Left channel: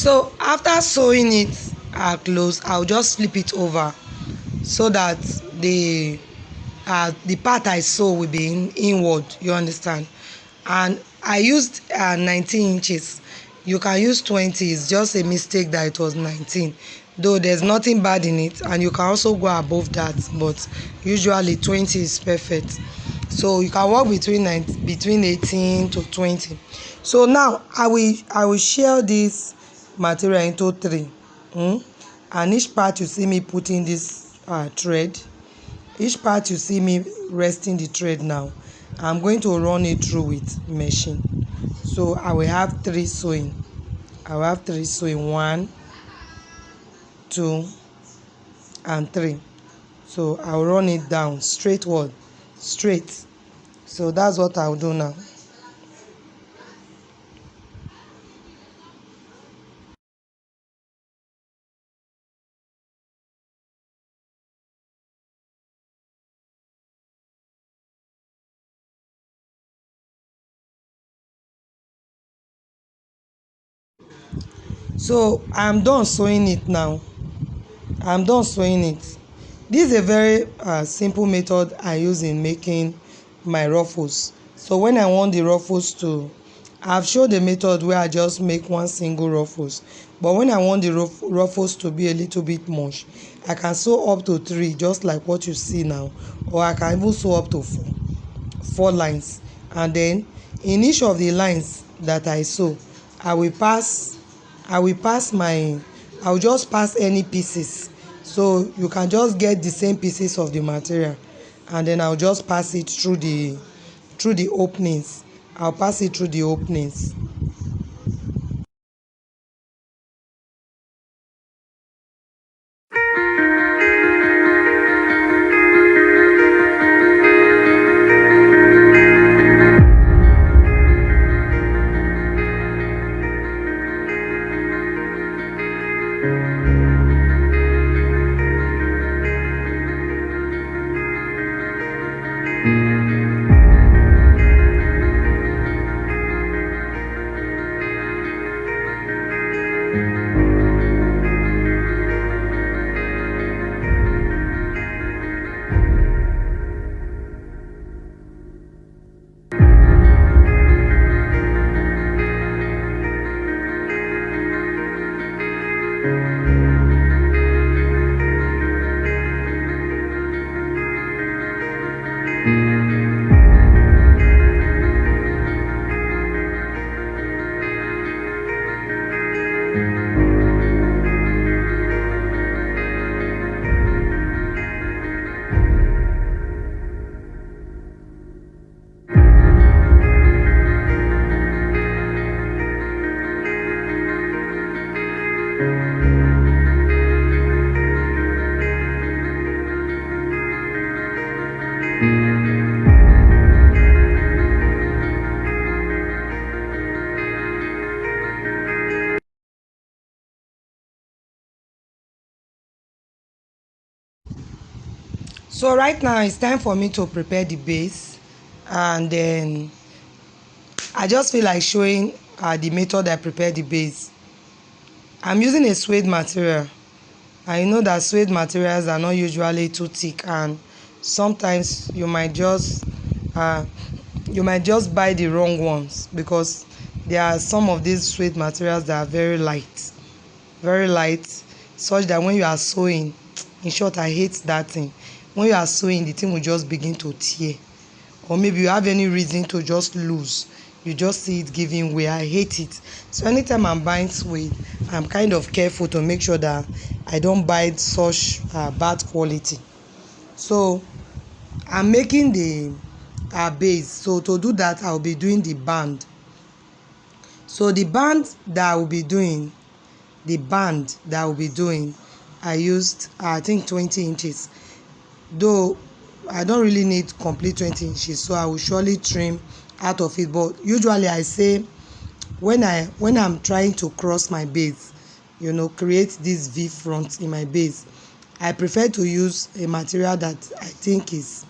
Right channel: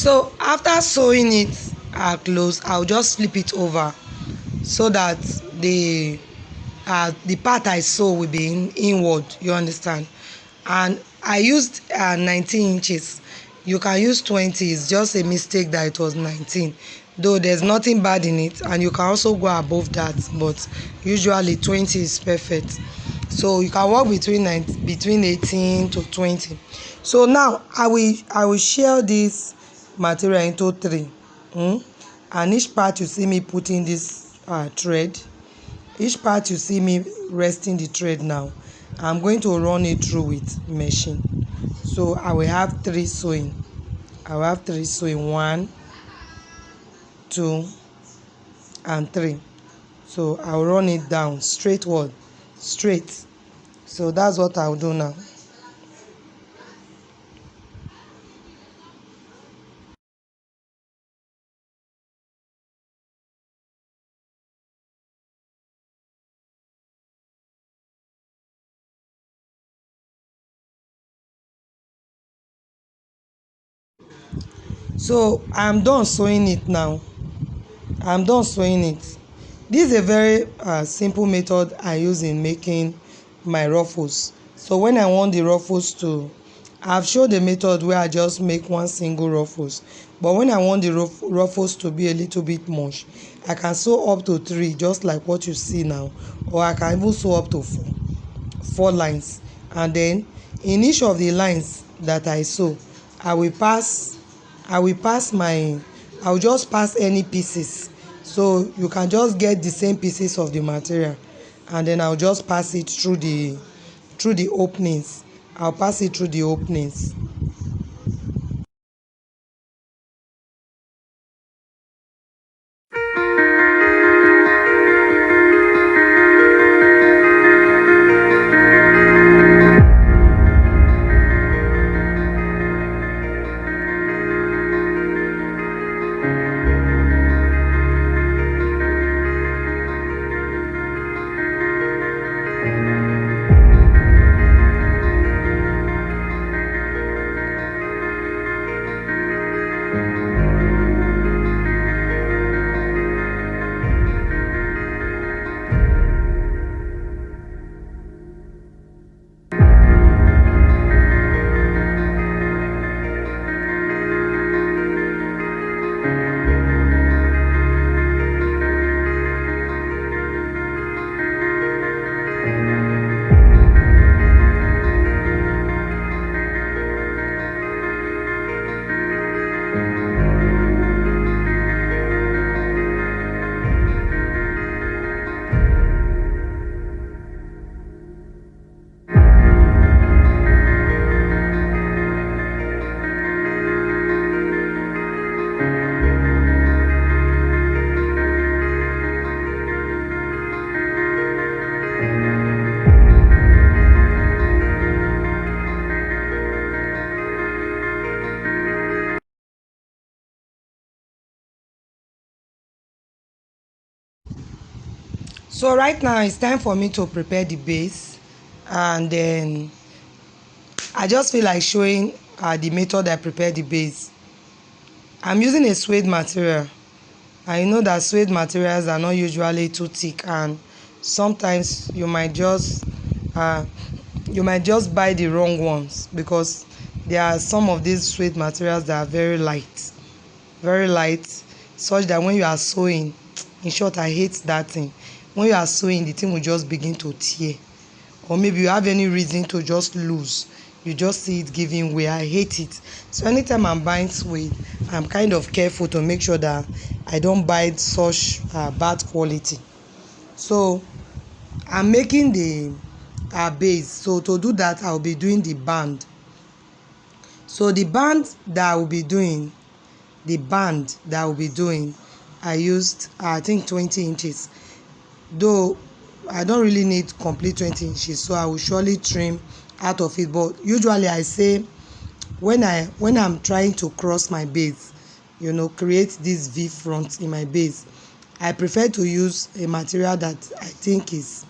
So after sewing it close, I'll just flip it over so that the part I sew will be inward, you understand. And I used 19 inches. You can use 20. It's just a mistake that it was 19, though there's nothing bad in it, and you can also go above that, but usually 20 is perfect. So you can work between 18 to 20. So now I will share this material into three. And each part you see me putting this thread. Each part you see me resting the thread now. I'm going to run it through with machine. So I will have three sewing. I will have three sewing. 1, 2, and 3. So I'll run it down straight. So that's what I'll do now. So I'm done sewing it now. I'm done sewing it. This is a very simple method I use in making my ruffles. So when I want the ruffles to, I've showed the method where I just make one single ruffles. But when I want the ruffles to be a little bit much, I can sew up to 3, just like what you see now. Or I can even sew up to 4 lines. And then in each of the lines that I sew, I will just pass any pieces. So you can just get the same pieces of the material, and then I'll just pass it through the openings. I'll pass it through the openings. So right now it's time for me to prepare the base, and then I just feel like showing the method I prepare the base. I'm using a suede material. I know that suede materials are not usually too thick, and sometimes you might just buy the wrong ones, because there are some of these suede materials that are very light, such that when you are sewing, in short, I hate that thing. When you are sewing, the thing will just begin to tear, or maybe you have any reason to just lose, you just see it giving way. I hate it. So anytime I'm buying suede, I'm kind of careful to make sure that I don't buy such bad quality. So I'm making the base. So to do that, I'll be doing the band. So the band that I'll be doing, I used I think 20 inches, though I don't really need complete 20 inches, so I will surely trim out of it. But usually I say, when I'm trying to cross my base, create this V front in my base, I prefer to use a material that I think is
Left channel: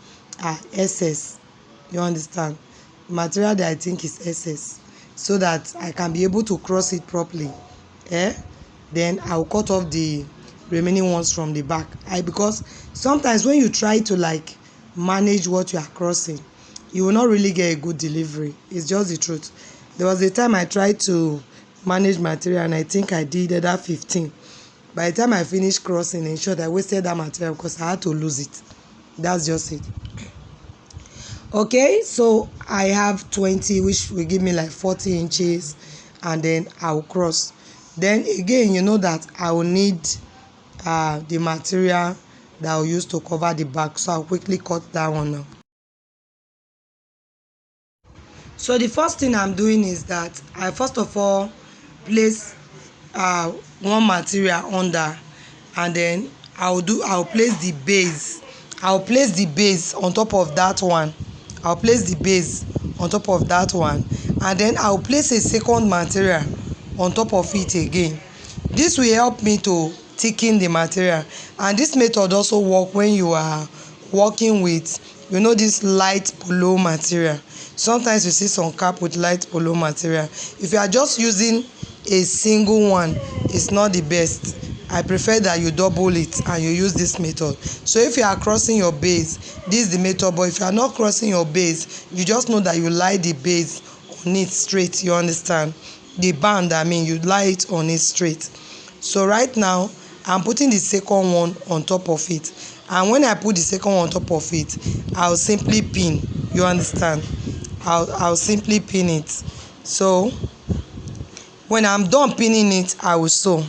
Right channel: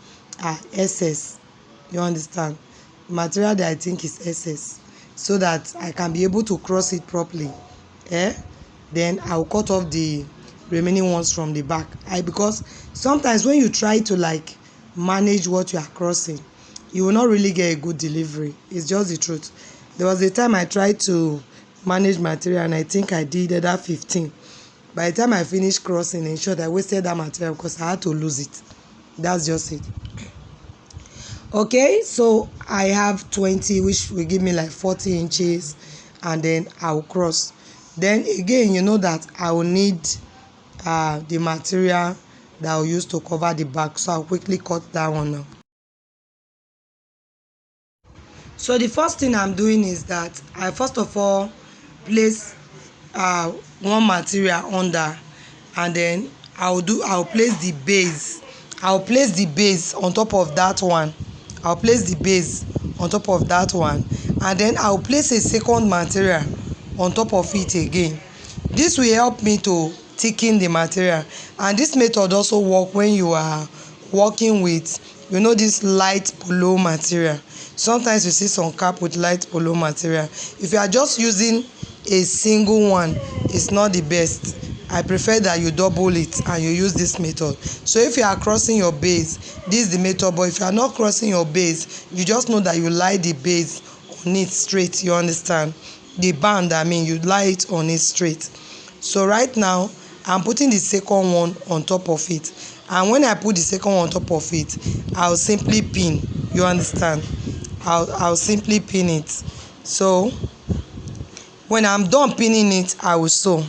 SS. You understand? Material that I think is SS, so that I can be able to cross it properly eh, then I'll cut off the remaining ones from the back. Because sometimes when you try to like manage what you are crossing, you will not really get a good delivery. It's just the truth. There was a time I tried to manage material and I think I did that 15. By the time I finished crossing, in short, I wasted that material because I had to lose it. That's just it. Okay, so I have 20, which will give me like 40 inches, and then I'll cross. Then again, you know that I will need the material that I'll use to cover the back, so I'll quickly cut that one now. So the first thing I'm doing is that I first of all place one material under, and then I'll place the base. I'll place the base on top of that one. I'll place the base on top of that one, and then I'll place a second material on top of it again. This will help me to thicken the material, and this method also work when you are working with, you know, this light polo material. Sometimes you see some cap with light polo material. If you are just using a single one, it's not the best. I prefer that you double it and you use this method. So if you are crossing your base, this is the method. But if you are not crossing your base, you just know that you lie the base on it straight. You understand? The band, I mean, you lie it on it straight. So right now I'm putting the second one on top of it, and when I put the second one on top of it, I'll simply pin. You understand? I'll simply pin it. So when I'm done pinning it, I will sew.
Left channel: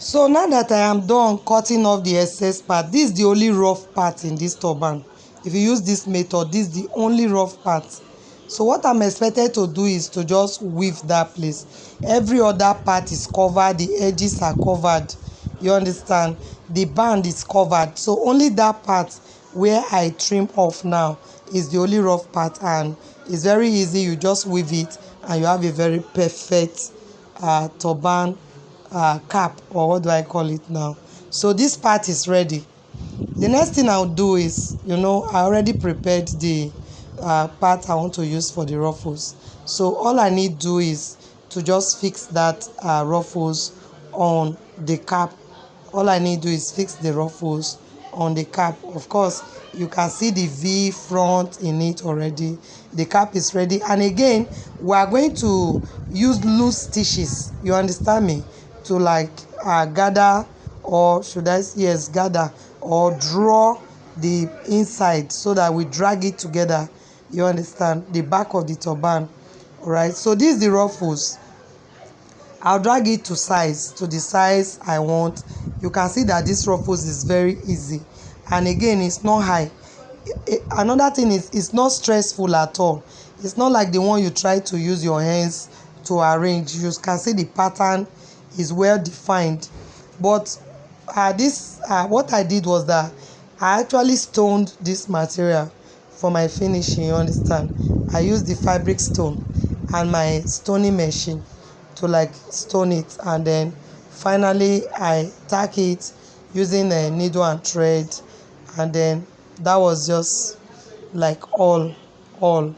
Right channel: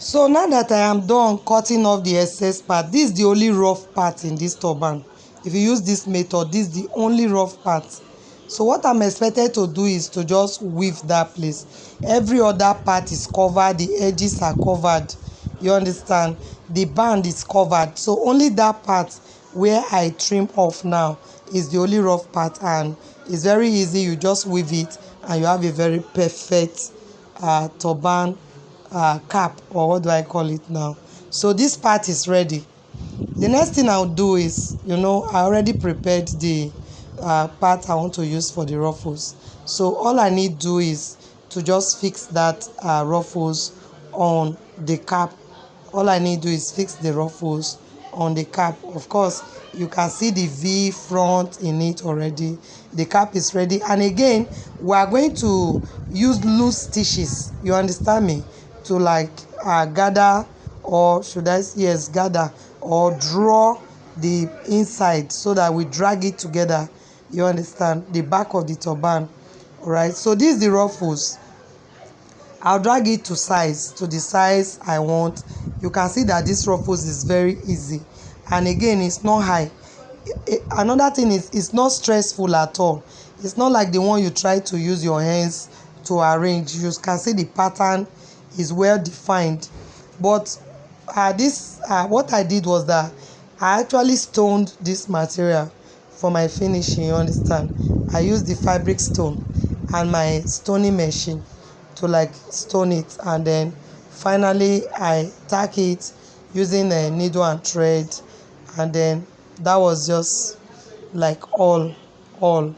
So now that I am done cutting off the excess part, this is the only rough part in this turban. If you use this method, this is the only rough part. So what I'm expected to do is to just weave that place. Every other part is covered, the edges are covered. You understand? The band is covered. So only that part where I trim off now is the only rough part, and it's very easy. You just weave it and you have a very perfect turban cap, or what do I call it now. So this part is ready. The next thing I'll do is, I already prepared the part I want to use for the ruffles. So all I need do is to just fix that ruffles on the cap. All I need do is fix the ruffles on the cap. Of course, you can see the V front in it already. The cap is ready, and again we are going to use loose stitches, you understand me, to like gather, or should I say, yes, gather or draw the inside so that we drag it together, you understand, the back of the turban. All right, so this is the ruffles. I'll drag it to the size I want. You can see that this ruffles is very easy, and again it's not high. Another thing is, it's not stressful at all. It's not like the one you try to use your hands to arrange. You can see the pattern is well defined. But what I did was that I actually stoned this material for my finishing, you understand. I used the fabric stone and my stoning machine to like stone it, and then finally I tack it using a needle and thread, and then that was just like all all